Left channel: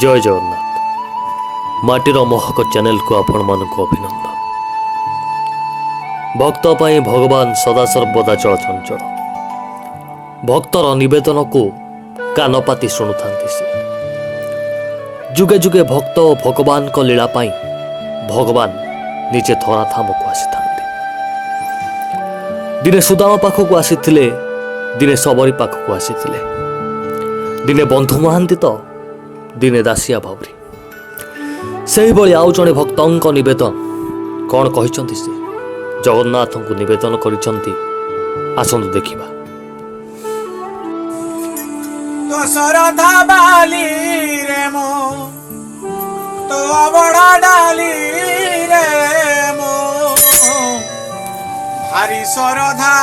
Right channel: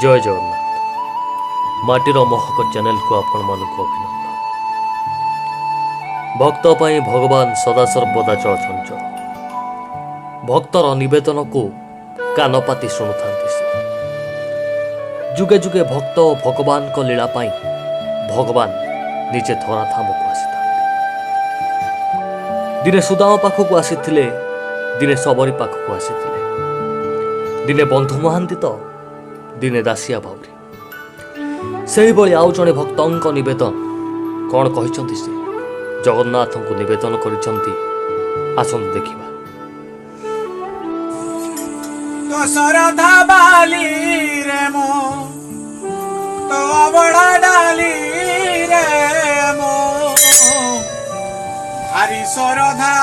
जय जगन्नाथ माटीर महक चैनल को आपण मानक अभिनंदन। भक्त पाई भगवान सदा सर्वदा चलचंचल। भक्तर निवेदन को कान पाती शुणुता से जुगे जुगे भक्त और भगवान को लीला पाई भगवान निजे धराधाम को आसी दिने सुदाम पाखक आसी दिने सबरी पाखक आसी दिने बंधु महांती तो दिने दासिया भावरी से आउ जड़े भक्त नवेदन कौन कहते से जगन्नाथ को नवेदन कर देखा। तो सरधा बाली रे मो तो अबड़ा डाली रे मो भारी सरधा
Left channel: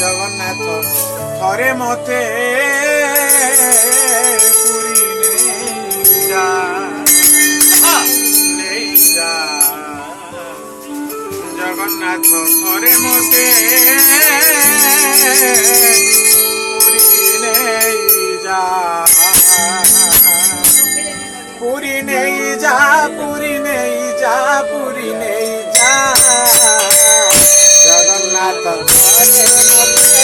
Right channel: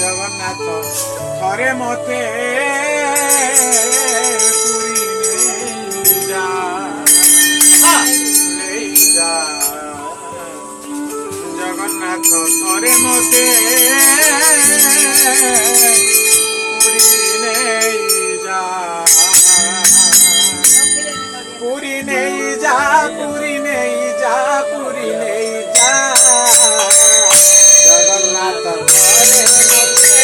जगन्नाथ थरे मते पुरी नहीं जा जगन्नाथ थरे मते पूरी नहीं जा पूरी नहीं जा पूरी नहीं जा जगन्नाथ करे मते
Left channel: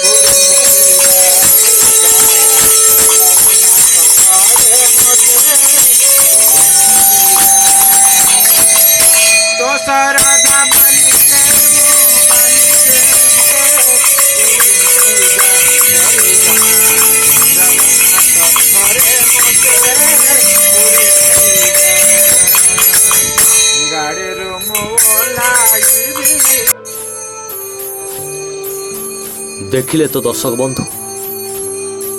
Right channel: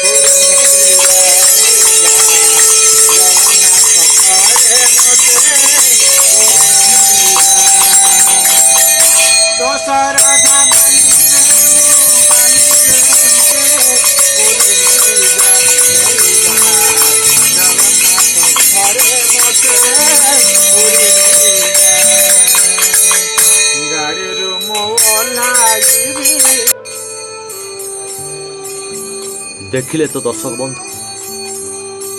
पूरी नहीं जा जगन्नाथ करे मते तो सरधा देखिले तो दर्शक बंधु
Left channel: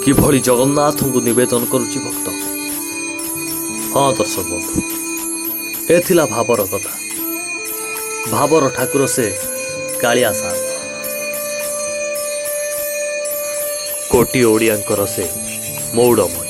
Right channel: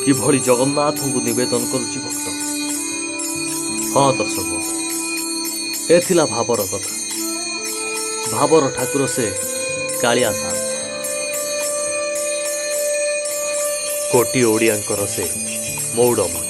किभली जगन्नाथ को नवेदन करुच्ची भक्त। हाँ दर्शक बंधु एथिला भावर कथा भावर ठाकुर से कालिया साहब कोटी ओडियांकर से मौड़मणि।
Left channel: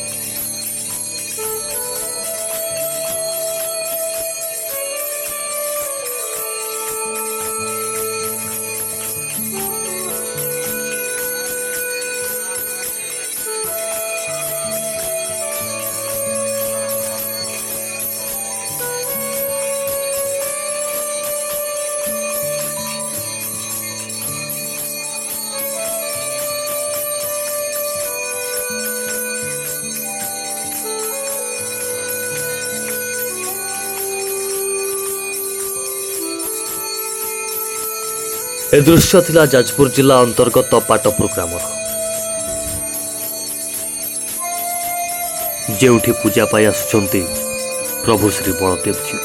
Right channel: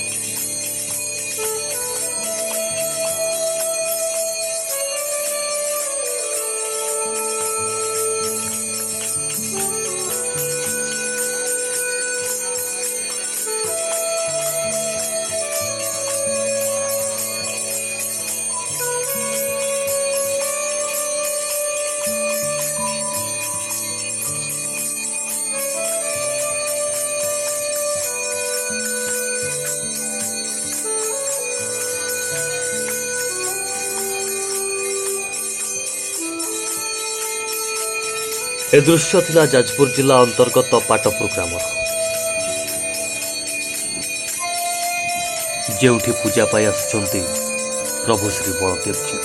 ए दृश्य थिला जाजपुर जिला अंतर्गत पाटपुर ग्रामर जेउठी पूजा पाई आसुचंती प्रभु श्री बलदेव जी।